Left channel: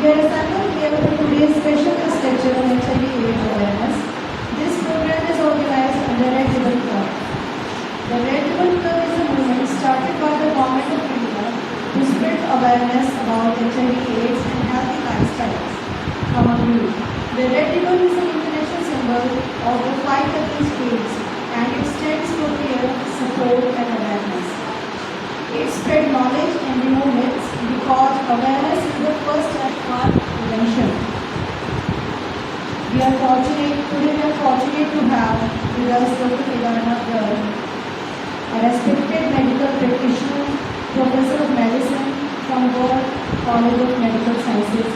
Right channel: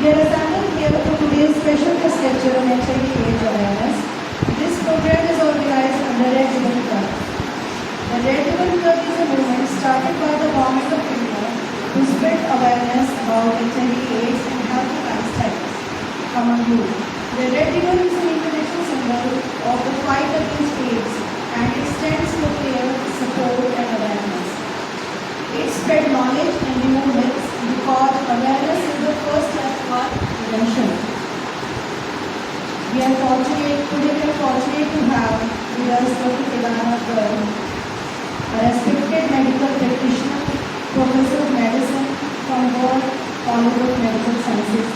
We are assembled here for today's special guest lecture on HIV/AIDS awareness. This program is organized under Red Ribbon Club. The Red Ribbon Club is a movement started by the Government of India to spread awareness about HIV/AIDS and healthy lifestyles among youth. The Red Ribbon is an international symbol of the fight against AIDS, and it stands for care, support and awareness. It spread knowledge and remove myths because awareness is the first step for prevention. Today we are fortunate to have with us Dr. Ilana Goel, a respected medical practitioner, professor of medicine from Goel College of Medical Sciences.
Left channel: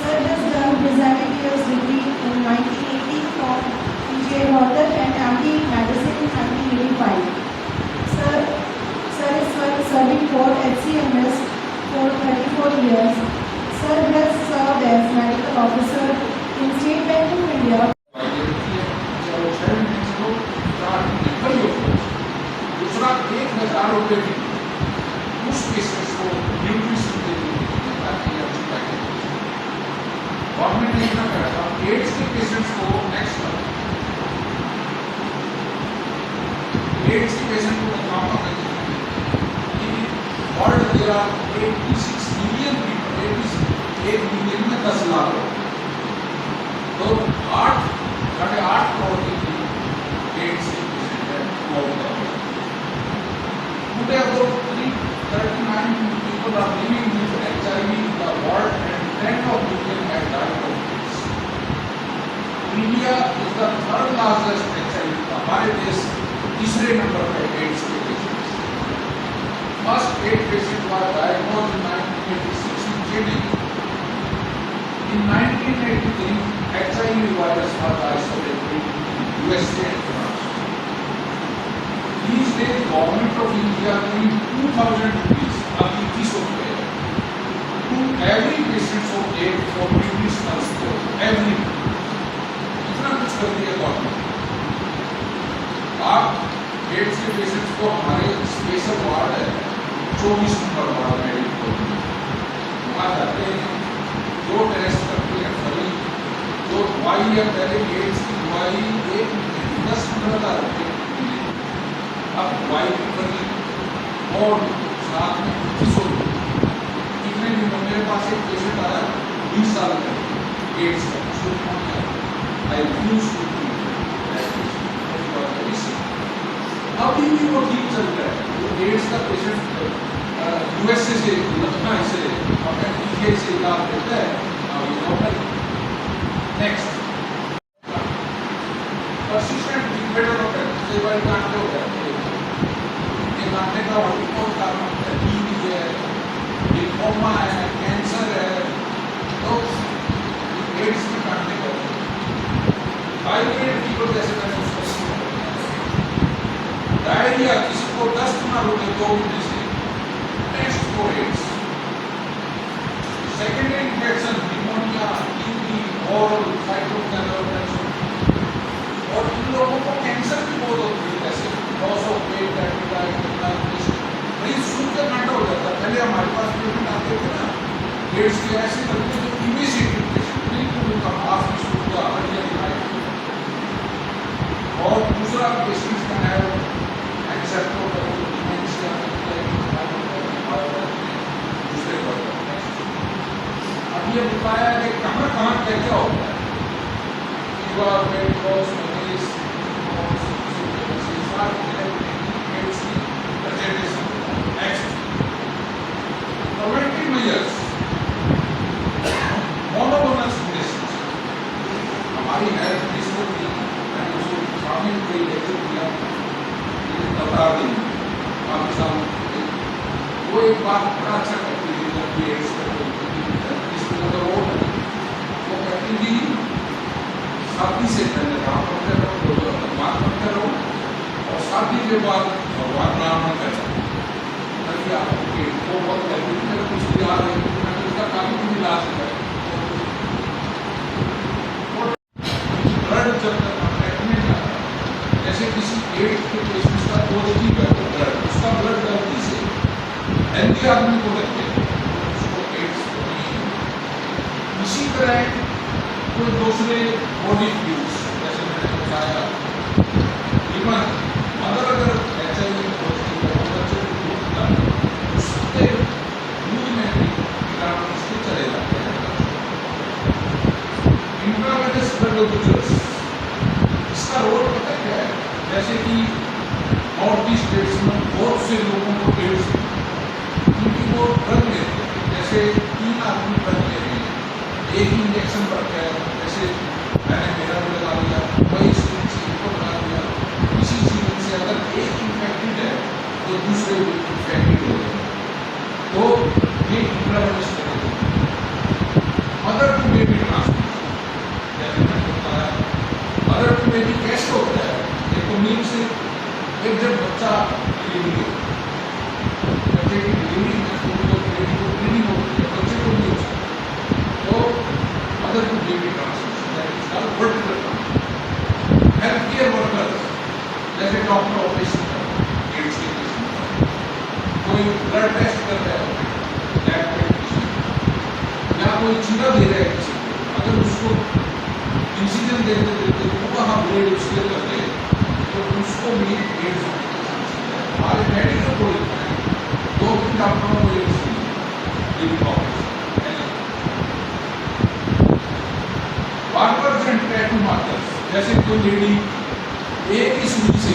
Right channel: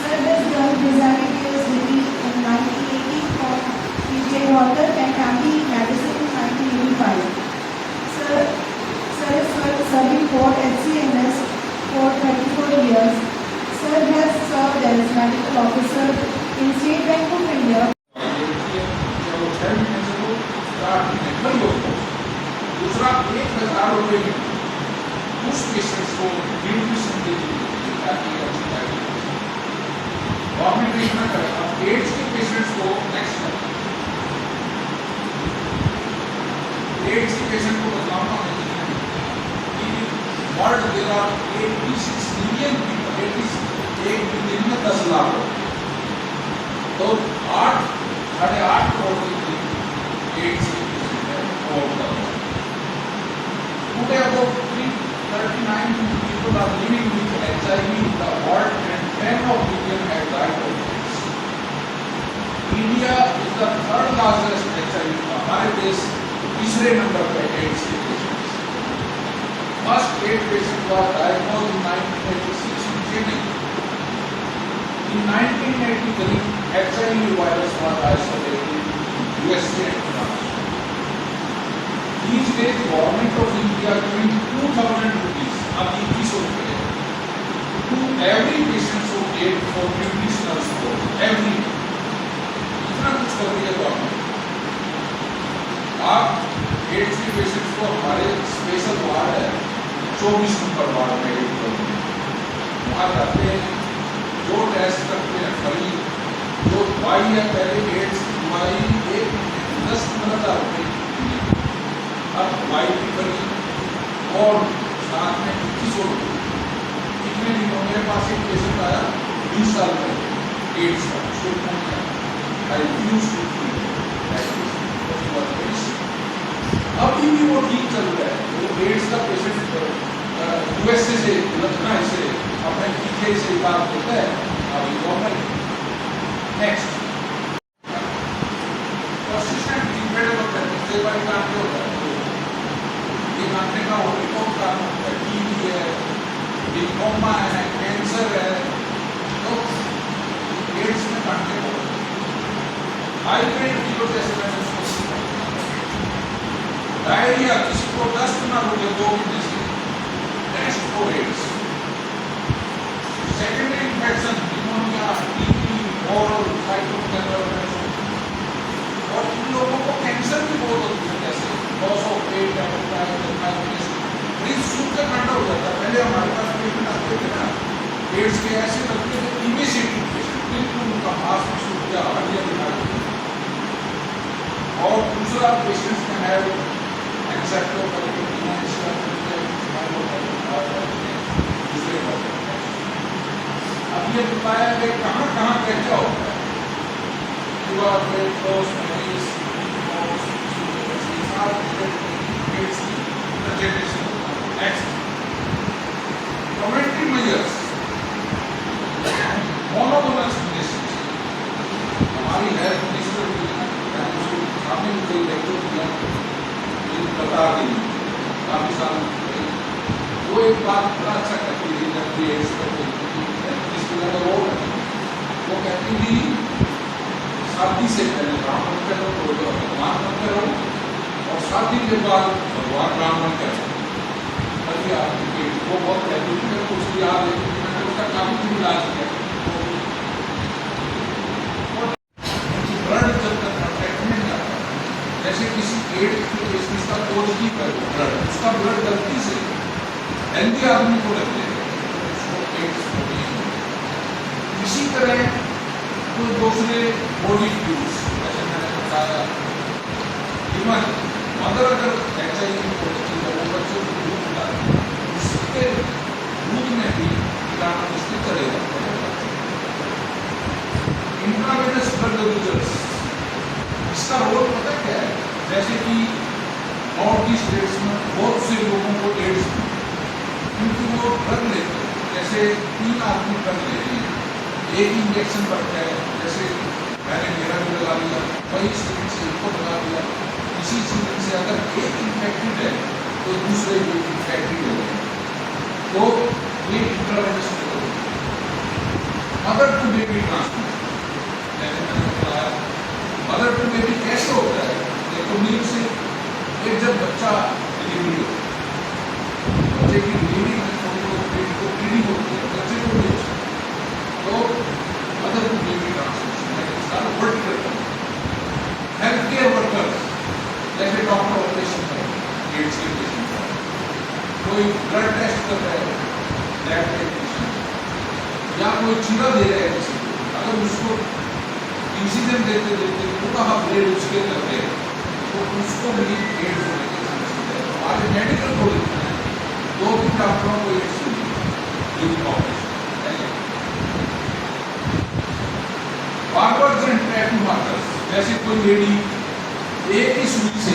Sir has done his MBBS degree in 1980 from PGI Rohtak and MD Medicine in 1985. Sir is serving for HCMS for 34 years. Sir has served as medical officer in State Bank of India. दूसरा 1000 रुपये में उस patients को nutrition के लिए government ने इतना करा था। एड्स के पेशेंट्स को नेक्स्ट एड्स के पेशेंट को बदलाव world there are 86 million people, 1 million में 10 लाख लोग, तो 8.5 करोड़ के एड्स के पेशेंट है वर्ल्ड का। Today about 339 people are living with HIV in the world and 10 million have died of AIDS. India is the third largest HIV. हमारे देश तीसरे नंबर पर AIDS के patients. First AIDS patient was diagnosed in 1986 in Chennai. In 1983, HIV virus was isolated in USA and France. These days, Government of India giving 2,000 rupees, अभी 21 रुपये, to every patient of AIDS for nutritional support. Every इतना कुछ कर दिया government. आप AIDS के patients को हमारे स्पेशल वार्ड है 24 नंबर वार्ड मेडिकल, वहाँ जाते हैं, जो टेस्ट करते हैं फ्री, जो दवाई है पहले AIDS की दवाई 10-15 रुपये, अब दवाई की बनी और साथ में 21 रुपये। कितने दिनों मेरे पास एक पेशेंट आया 20 साल में एड्स का, उसको कौन है आई यूज टू अभी भी वो ठीक चल रहा है। वो एड्स का पेशेंट यूएसए से लखनऊ से अपने पीजीआई से काम करता है अभी गवर्नमेंट। नेक्स्ट persistent better होता है, कई बार कांटे हो जाते हैं, कांटे का रिपोर्ट करना होता है, टीबी है, लिम्फोमा है, कैंसर है, तो एड्स में कांटे हो हाई ग्रेड फीवर जैसे मैंने उसको डायरिया, किसी को दस्त ना हो 2 महीने से, test for AIDS. Secondary infection pneumonia, TB और साइटोमेगालोमा, और इन लोगों को कैंसर भी बहुत होती है, जैसे लॉस ऑफ वेट, मरीज सूख के कांटा हो जाता है। पहले हमारे पास पेशेंट आते थे ना एड्स के, ऐसे लगते थे इमीडिएट पेशेंट, बिल्कुल उनका मांस सूख गया, हड्डियां दिखाई। और दूसरा पेशेंट्स में है अब ये बताया कि कहाँ कहाँ क्या क्या होता है। Preventive measures, monoclonal medicines, हमारी हेल्थ मिनिस्टर की मैंने उसको शामिल कई लेक्चर किया, बता दी काफी सालों से। वो एक बात बड़ा अच्छा कहती थी, वो कहती थी शादी से पहले राम मत करो, भगवान मत करो, और शादी के बाद भगवान राम मत करो। वो बहुत कहती थी, मेरे कुछ याद है कि मैंने उसका काफी दिन इलाज किया। ब्लड जब तक कॉन्टैक्ट में जाता है, जैसे किसी एड्स के पेशेंट का पॉजिटिव है ब्लड, उसका ब्लड गलती से हेल्दी आदमी को लगते हैं, उसको एड्स करें कोई दूसरे बॉडी फ्लूइड्स, जैसे मैंने बताया लीवर, मदर अगर HIV होती है वो बच्चों को दूध पिलाती है, उसके दूध में भी कीटाणु उसके चले जाते हैं। इंट्रावेनस ब्लड डोनेजर्स, इसका रोल पता क्या है? जैसे कि नॉर्थ ईस्ट स्टेट्स में बहुत से लोगों को एड्स, क्योंकि वो ड्रग लेते हैं, जैसे 3 आदमी ड्रग ले रहे हैं, एक ही इंजेक्शन पड़ता है, जैसे मैंने मेरा भी लगा लिया, वही स्टेट से इनको लगा दिया, इसी सीजन से अगर एक इन्फेक्टेड है तो दूसरे भी इन्फेक्टेड हो गए, तो ये intravenous mother to baby transmission, जैसे मैंने बताया मदर टू बेबी कैसे होता है? ये तो मिल्क से एक जब बच्चा डिलीवरी होता है, बच्चे की डिलीवरी को ब्लीडिंग होती है, बच्चे को नहीं हो सकती, तो mother to baby transmission vertical. Health care workers जैसे डॉक्टर ऑपरेशन कर एड्स के पेशेंट का, कोई ब्लड टेस्ट कर रहा है लैब टेक्नीशियन, या कोई चीरा दे रहा है किसी को, अगर उसको इंसिजन देते देते पूरा ब्लेड उसके करते हैं तो उसको भी एड्स होने के चांसेस है। हमारे मेडिकल को लिखना है 2 डॉक्टरों को AIDS barbers and tattoo markers, जैसे कोई लेडी एक ही सुई से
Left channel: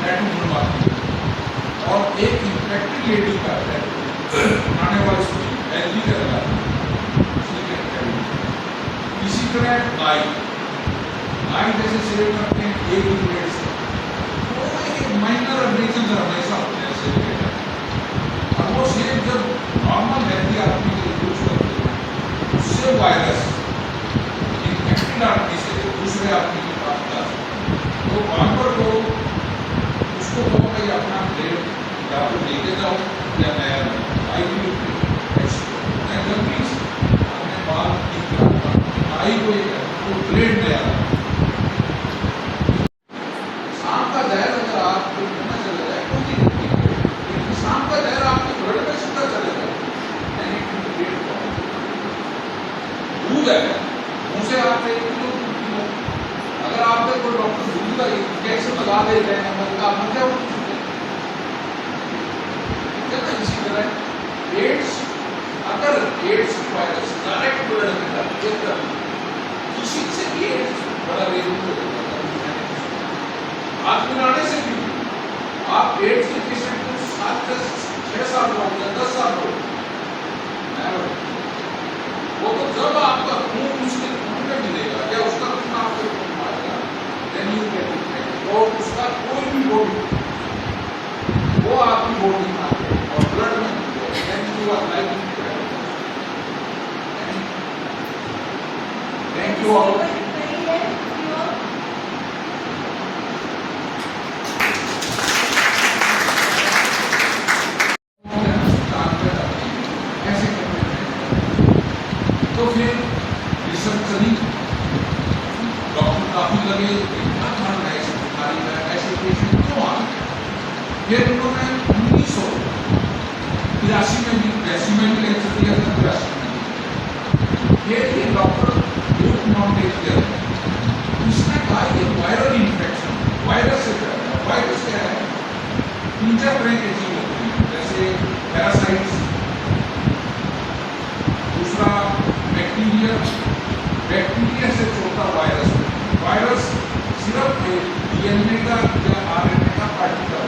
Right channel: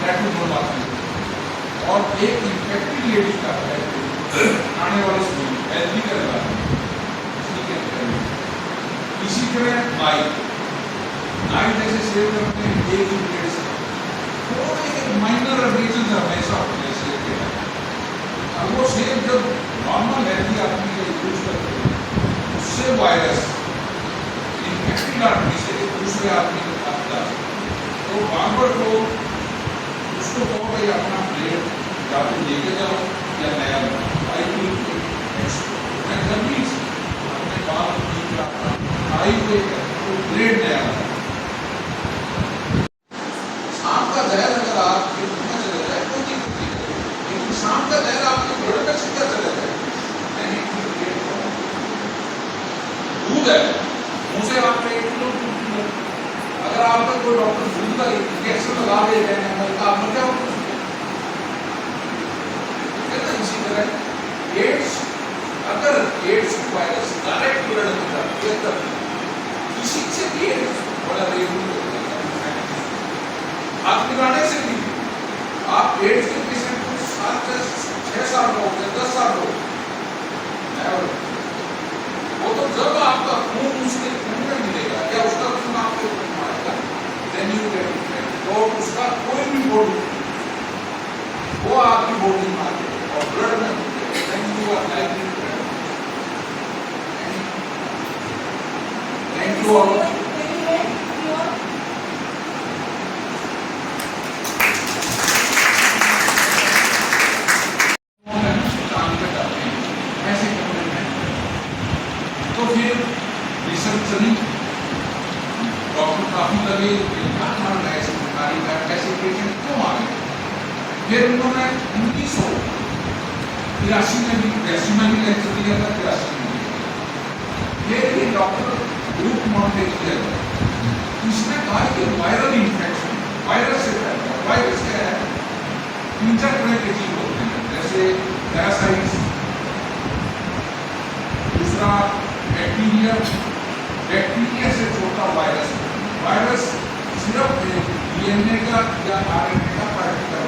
टैटू बनवाती है और एक इन्फेक्टेड लेडी का टैटू आने वाली सुई हेल्दी का लगाती है, इसी तरह नाई जैसे सेव करते हैं एक ही ब्लेड से, वो एक माइनर एब्रेजन हमेशा होते हैं सेव के टाइम। अब वो सेव जब नॉर्मल हेल्दी आदमी के लिए यूज करते हैं, उससे वायरस इन्फेक्टेड आदमी से एक दूसरे आदमी के पास जा सकता है, तो बार्बर को उसको कहो कि अपना ब्लेड या तो लेके जाओ या नया लगाओ, जल्दी से अपने बाल ठीक रखना, नाई को ब्लेड नया लगाओ। सांप का जहर अगर आपके मुंह में चला जाए कोई दिक्कत नहीं है, लेकिन सांप का जहर आपके ब्लड में सीधा चला जाए, दूध है मुंह से आप अगर आप कोई डॉक्टर दूध का इंजेक्शन लगा दे रहे हैं तो आप मर जाओ। इसी तरह एड्स, अगर एड्स वायरस डायरेक्ट ब्लड में जाता है किसी से भी एड्स बड़ा रेट हाथ मिलाने से भी आप एड्स के पेशेंट को 6 साल हो या 10 साल हो, वो तो जब आपका खून उसके खून में मिलेगा या उसका खून आपके खून में आएगा, देन यू गेट इट, और उसका कोई भी बॉडी वो आपकी बॉडी में आए और ब्लड में then you are like thank you all. तो फिर रिसर्च करी, डॉक्टर काफी लगे ऐसे बीमारी का ऐसे पेशेंट क्यों आ गए। फिर उन्होंने 1983 में भी 83 में भी कैंसर किया था, 83 में भी ये डॉक्टर ग्रुप मॉन्टेज, उसने कहा कि वायरल इन्फेक्शन वायरस से फैलता है। वायरस क्या है? 3-4 तरह के जीव होते हैं, जैसे पैरासाइट्स, दूसरा बैक्टीरिया, बैक्टीरिया से छोटा वायरस। वायरस सिर्फ डीएनए का या आरएनए का पार्टिकल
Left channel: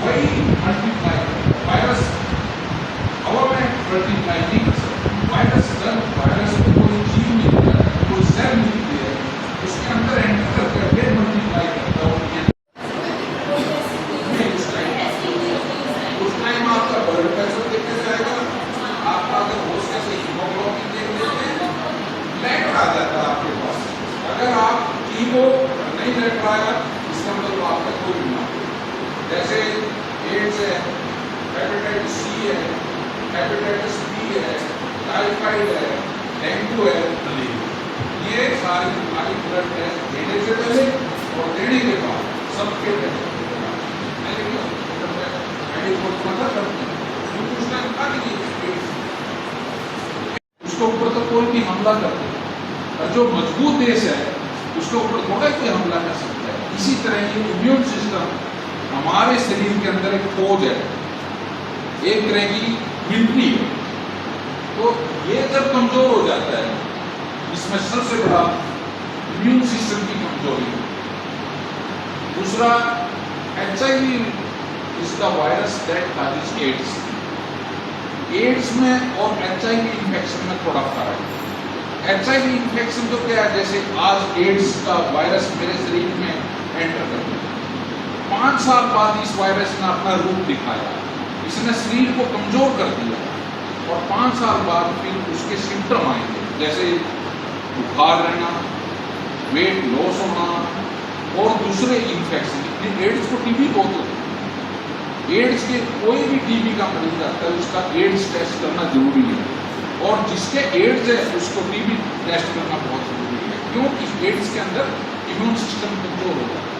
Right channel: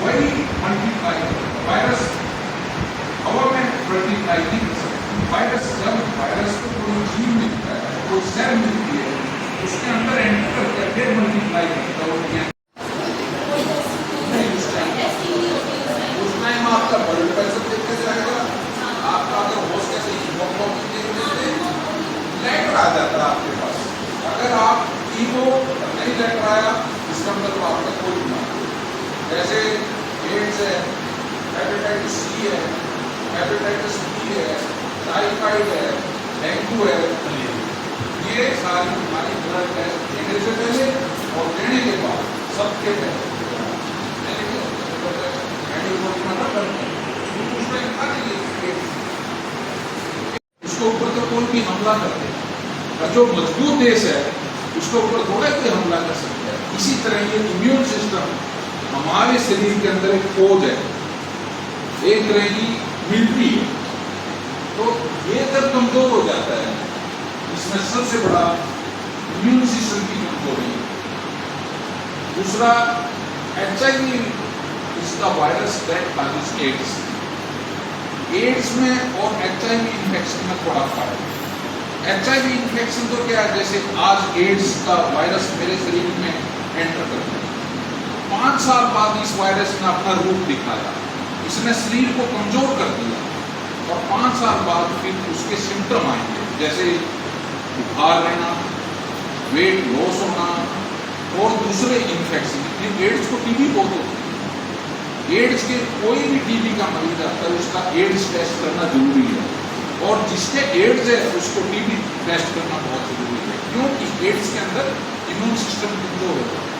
वही मल्टीप्लाई करता है। वायरस हवा में मल्टीप्लाई नहीं कर सकता। वायरस जब वायरस को कोई जीव मिलता है, कोई सेल मिलती है, उसके अंदर एंटर करके मल्टीप्लाई करता है। उस टाइम आपका ब्लड प्रेशर देखने से आएगा, आपका अगर होश कैसे हीमोग्लोबिन देखने से लेटर आ जाता है आपके पास। अगर आप हीमो नहीं लेटर आया, इसका मतलब आपका कोई बीमारी, जैसे एड्स है, हेपेटाइटिस सी है, हेपेटाइटिस बी है, टाइफाइड है, डेंगू है, ये सारी बीमारी ब्लड टेस्ट देने से पहले और देने के बाद सबके टेस्ट उसको ऊपर तो कोई भी हमला करते हैं, और जो मजबूत देश है उसके ऊपर थोड़ा ही कोई हमला कर सकता है। इसी तरह ये इम्यून सिस्टम हमारे शरीर के अंदर एक फौज है, एक रहेगी मिलिट्री है। तो ये जब कमजोर हो जाता है, इसमें सबसे बड़ा इम्यून सिस्टम की कमजोरी है। दूसरा HIV इसका virus that causes AIDS. AIDS में और HIV इन्फेक्शन में थोड़ा फर्क है। HIV इन्फेक्शन तो क्या है, जैसे आज एड्स का वायरस मेरे शरीर में एंटर कर गया, 5 साल बाद इस वायरस ने अपना रूप दिखाया, इसने शरीर को कमजोर कर दिया, और 5 साल बाद फिर उसके सिम्टम आएंगे, जैसे बुखार रहना, वेट लॉस होना और दूसरे इन्फेक्शन। एड्स को टीबी बहुत होती है। एड्स के कोई भी टीबी का मरीज आता है उसका एड्स टेस्ट करना जरूरी है, और जिसके एड्स है उसको टीबी टेस्ट करना बहुत जरूरी है, क्योंकि एड्स के अंदर इम्यून सिस्टम कमजोर होता है।